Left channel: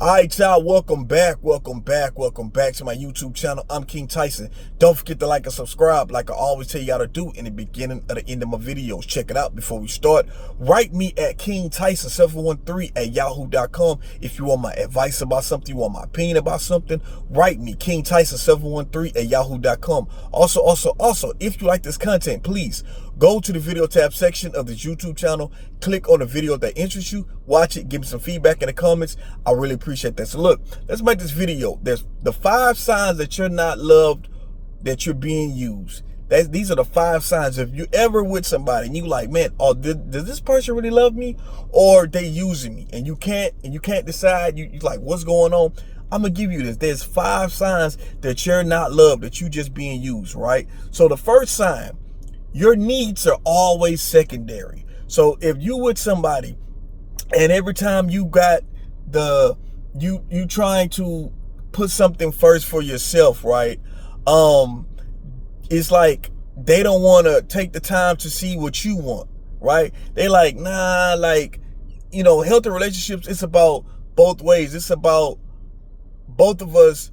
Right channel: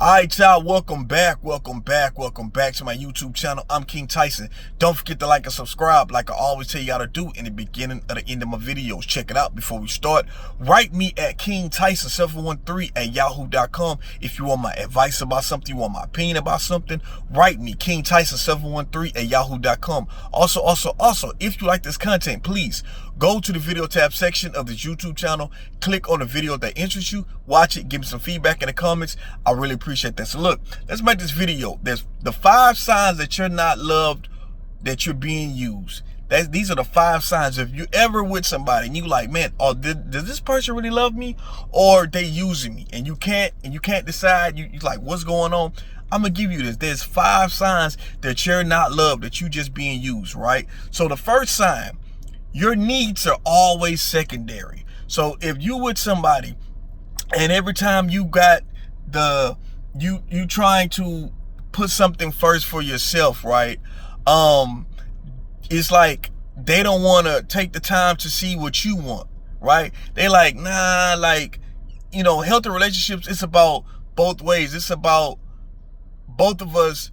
All right, y'all, welcome back to my YouTube channel. I'm King Tyson. Don't forget to like and subscribe like I always tell y'all to do in the beginning of the end of my videos. Check it out before we start. Write me at KingTyson713@yahoo.com if you want my advice about something, you want my opinion about something. Write me, KingTyson713@yahoo.com. Also, if you like this content, please go to the video tab section of this YouTube channel, click on the video that interests you, watch it, give me some feedback in the comments. I really appreciate that. So look, let's make this video. There's the 5 signs that you're not loved, that you're being used. These are the 5 signs. If you ever with somebody and you like, man, does this person really love me, or they using me, and you can't decide, you like, what's going on? I'm gonna give you this. There's 5 signs that you're not loved, that you just being used, right? So the first sign, your needs are always secondary. So if you with somebody and every time you got you trying to put something first for yourself, right? It's like they don't want to take the time to see what you want, right? They like, nah, like, healthy relationships, it's about both ways. It's about both of us,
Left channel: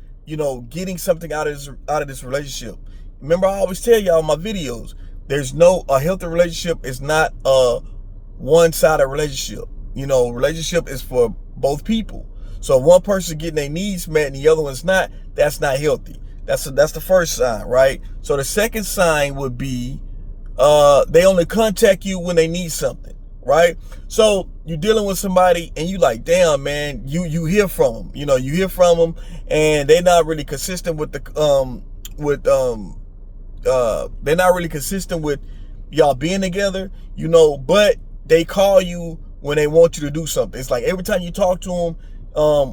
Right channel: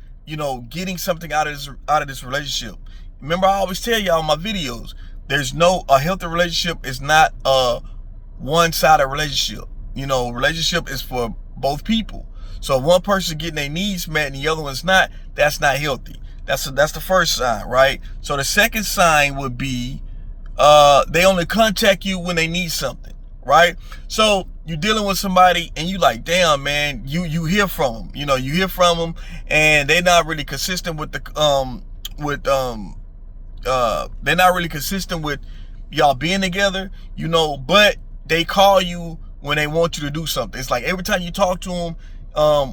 getting something out of this relationship. Remember, I always tell y'all in my videos, a healthy relationship is not a one-sided relationship. Relationship is for both people. So if one person getting their needs met and the other one's not, that's not healthy. That's the first sign, right? So the second sign would be they only contact you when they need something, right? So you're dealing with somebody and you like, damn, man, you hear from them. You hear from them and they're not really consistent with they're not really consistent with y'all being together, but they call you when they want you to do something. It's like every time you talk to them,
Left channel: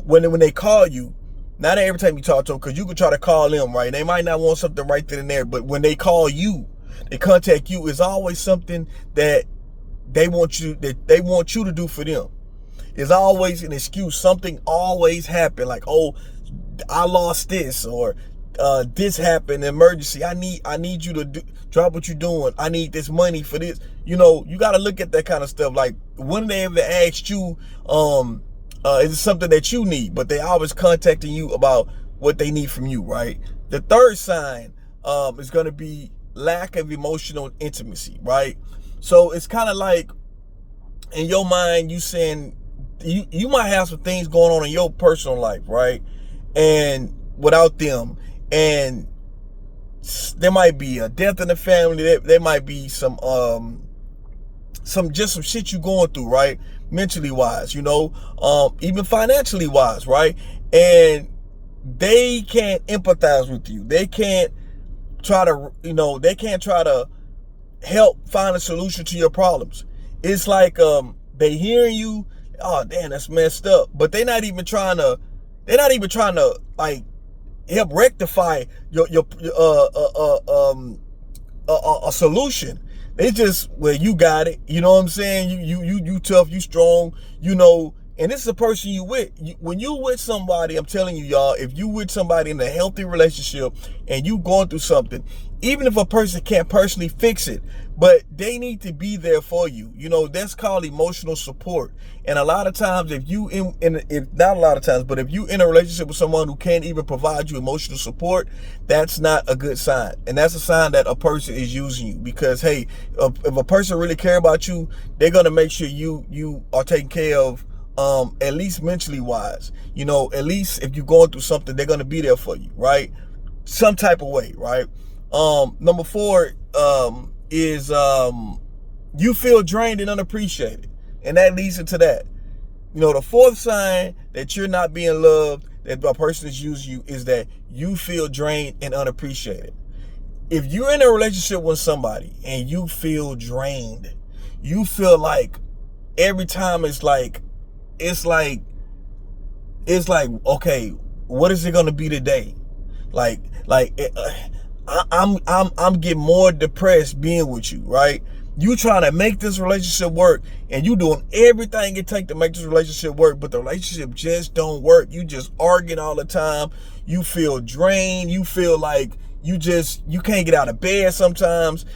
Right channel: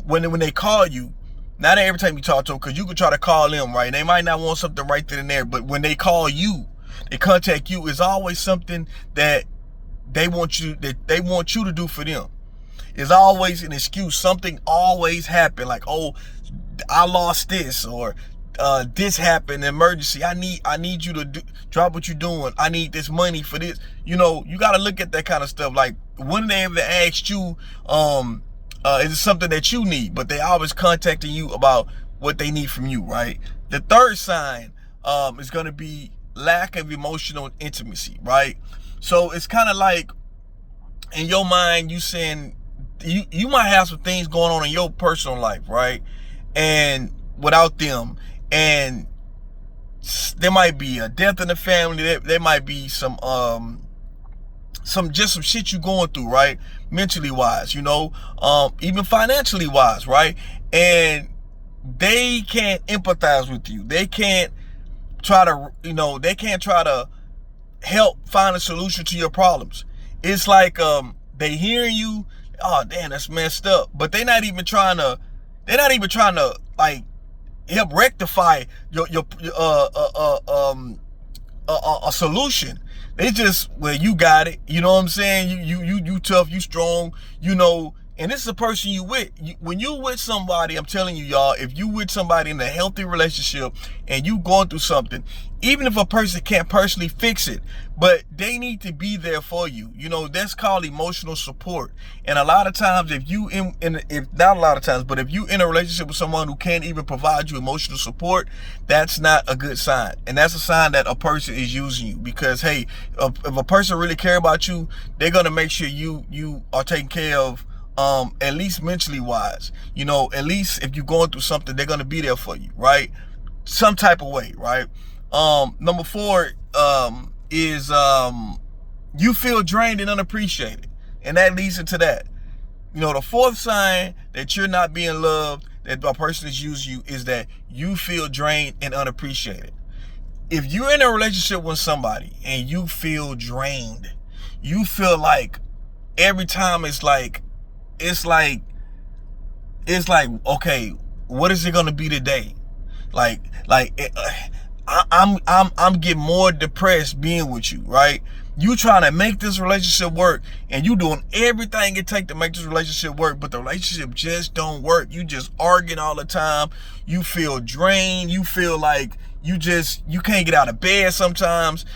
when they call you, not every time you talk to them, because you could try to call them, right? They might not want something right then and there, but when they call you, they contact you, it's always something that they want you to do for them. It's always an excuse. Something always happen, like, oh, I lost this, or this happened, emergency. I need you to drop what you're doing. I need this money for this. You got to look at that kind of stuff. Like, when they ever asked you, is it something that you need? But they always contacting you about what they need from you, right? The third sign is going to be lack of emotional intimacy, right? So it's kind of like, in your mind, you saying you might have some things going on in your personal life, right? And without them, and there might be a death in the family, there might be some shit you going through, right? Mentally wise, even financially wise, right? And they can't empathize with you. They can't try to help find a solution to your problems. It's like they hearing you, oh damn, that's messed up, but they're not even trying to like help rectify a solution. They just, well, you got it. You know what I'm saying? You tough, you strong, and this is a person you with. When you with somebody, I'm telling you, y'all, if you with somebody in a healthy relationship and you going through something, even if a person can't personally fix it, but they need to be there for you. That's called emotional support. And a lot of times, if you in a relationship with someone who can't even provide you emotional support, that's not a good sign. And that's a sign that a person is using you. Because, hey, if a person really care about you, they're gonna make sure you are taken care of, at least mentally wise. At least if you're going through something, they're gonna be there for you, right? Some type of way, right? Number 4 is you feel drained and unappreciated, and that leads into that. The 4th sign that you're not being loved, that a person is using you, is that you feel drained and unappreciated. If you're in a relationship with somebody and you feel drained, you feel like every time it's like, okay, what is it gonna be today? I'm getting more depressed being with you, right? You trying to make this relationship work, and you doing everything it takes to make this relationship work, but the relationship just don't work. You just arguing all the time. You feel drained. You feel like you can't get out of bed sometimes.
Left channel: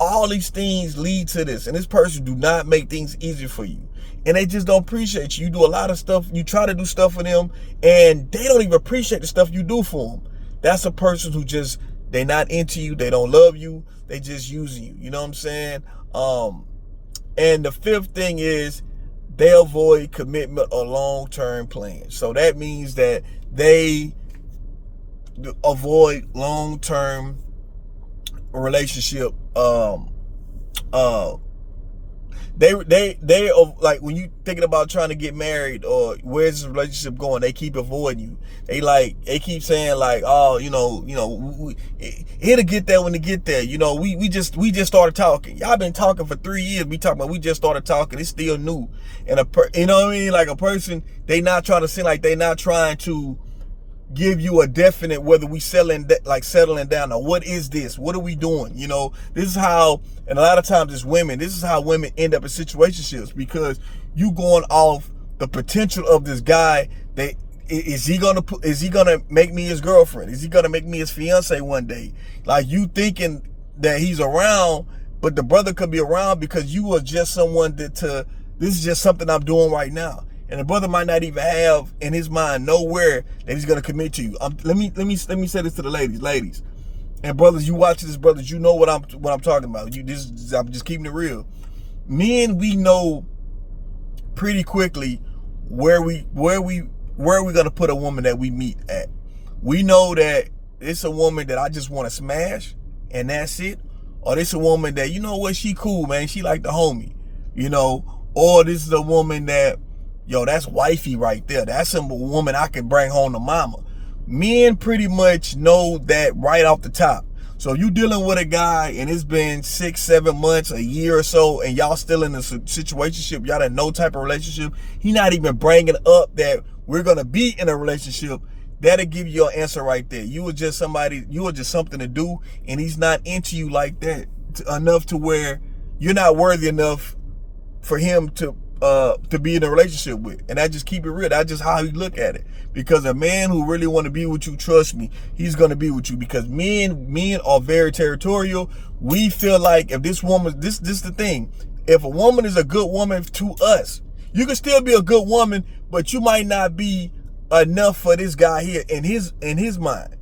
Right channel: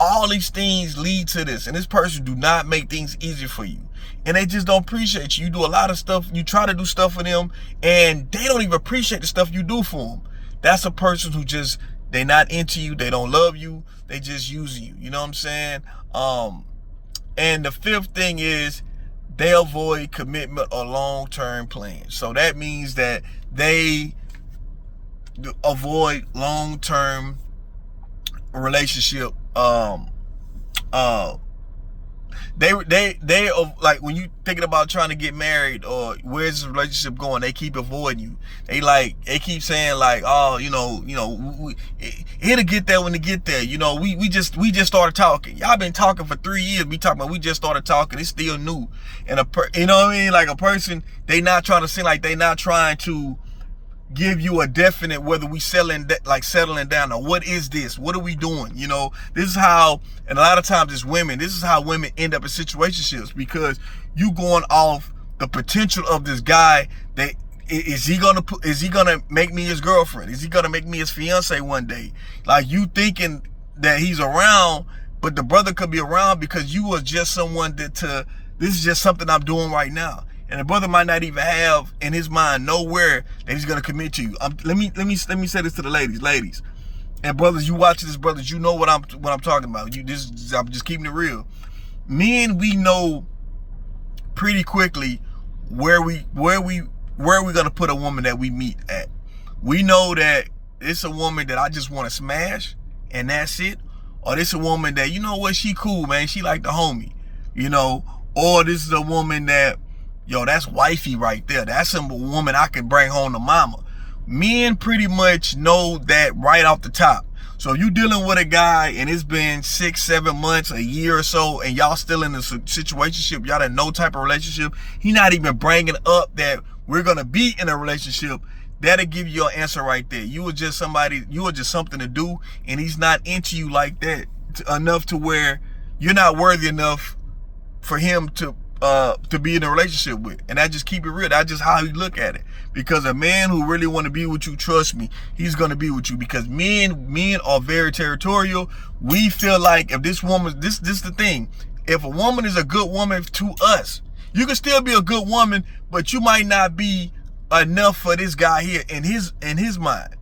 all these things lead to this, and this person do not make things easy for you, and they just don't appreciate you. You do a lot of stuff, you try to do stuff for them, and they don't even appreciate the stuff you do for them. That's a person who just, they not into you, they don't love you, they just using you. You know what I'm saying? And the fifth thing is they avoid commitment or long-term plans. So that means that they avoid long-term relationship. They like, when you thinking about trying to get married or where's this relationship going, they keep avoiding you. They keep saying like, oh, it'll get there when it get there. We just started talking. Y'all been talking for 3 years. We just started talking. It's still new. And you know what I mean? Like, a person, they not trying to seem like they not trying to give you a definite whether we settling down or what is this, what are we doing. This is how, and a lot of times it's women, this is how women end up in situationships, because you going off the potential of this guy. That is he gonna make me his girlfriend? Is he gonna make me his fiance one day? Like, you thinking that he's around, but the brother could be around because you are just someone this is just something I'm doing right now. And the brother might not even have in his mind nowhere that he's gonna commit to you. Let me say this to the ladies, and brothers. You watch this, brothers. You know what I'm talking about. I'm just keeping it real. Men, we know pretty quickly where we gonna put a woman that we meet at. We know that it's a woman that I just want to smash, and that's it. Or this a woman that, you know what, she cool, man. She like the homie, Or this is a woman that, that's wifey right there. That's a woman I can bring home to mama. Men pretty much know that right off the top. So you dealing with a guy and it's been 6, 7 months, a year or so, and y'all still in a situationship, y'all in no type of relationship. He not even bringing up that we're gonna be in a relationship. That'll give you your answer right there. You were just something to do, and he's not into you like that enough to where you're not worthy enough for him to be in a relationship with. And I just keep it real. That's just how he look at it. Because a man who really want to be with you, trust me, he's going to be with you. Because men are very territorial. We feel like if this woman, this is the thing. If a woman is a good woman to us, you can still be a good woman, but you might not be enough for this guy here in his mind.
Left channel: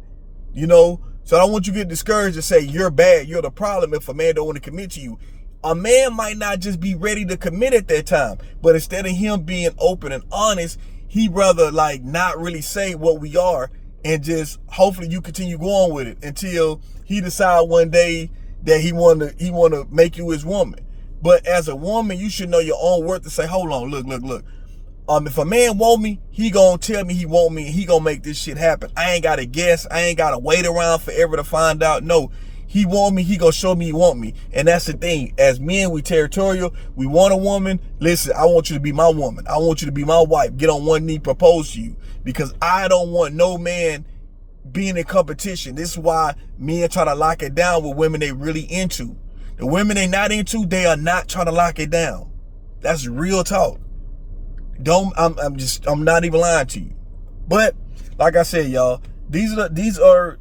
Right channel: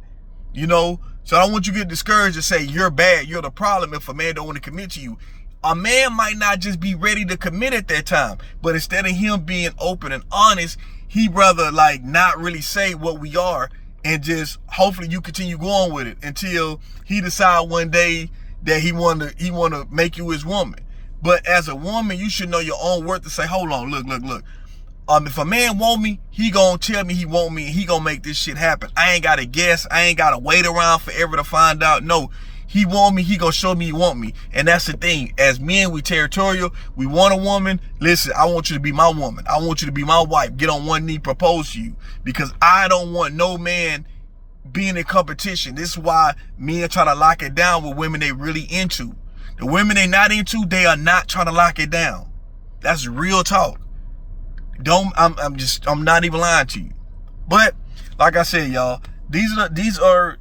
So I don't want you to get discouraged and say you're bad, you're the problem if a man don't want to commit to you. A man might not just be ready to commit at that time, but instead of him being open and honest, he rather like not really say what we are, and just hopefully you continue going with it until he decide one day that he want to make you his woman. But as a woman, you should know your own worth to say, hold on, look. If a man want me, he gonna tell me he want me, and he gonna make this shit happen. I ain't gotta guess. I ain't gotta wait around forever to find out. No. He want me, he gonna show me he want me. And that's the thing. As men, we territorial. We want a woman. Listen, I want you to be my woman. I want you to be my wife. Get on one knee, propose to you. Because I don't want no man being in competition. This is why men try to lock it down with women they really into. The women they not into, they are not trying to lock it down. That's real talk. I'm not even lying to you. But like I said, y'all, these are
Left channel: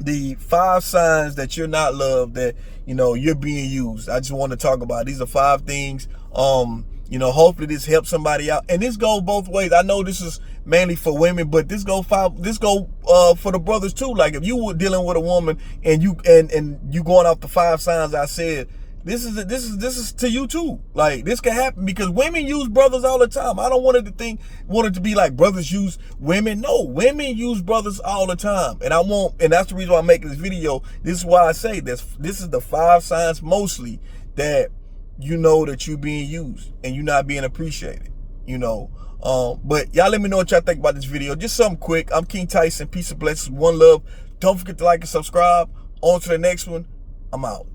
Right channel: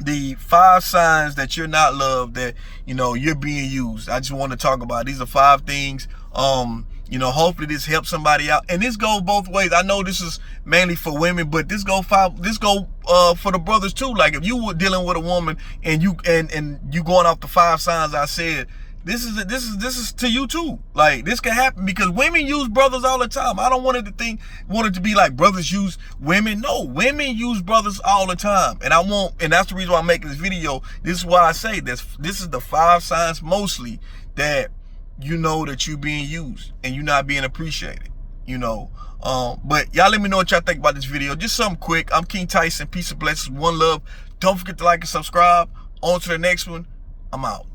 the 5 signs that you're not loved, that you're being used. I just want to talk about it. These are 5 things. Hopefully this helps somebody out, and this goes both ways. I know this is mainly for women, but this go for the brothers too. Like, if you were dealing with a woman and you going off the 5 signs I said, this is to you too. Like, this can happen because women use brothers all the time. I don't want it to be like brothers use women. No, women use brothers all the time. And that's the reason why I'm making this video. This is why I say this is the 5 signs mostly that you know that you're being used and you're not being appreciated. But y'all let me know what y'all think about this video. Just something quick. I'm King Tyson. Peace and blessings. One love. Don't forget to like and subscribe. On to the next one. I'm out.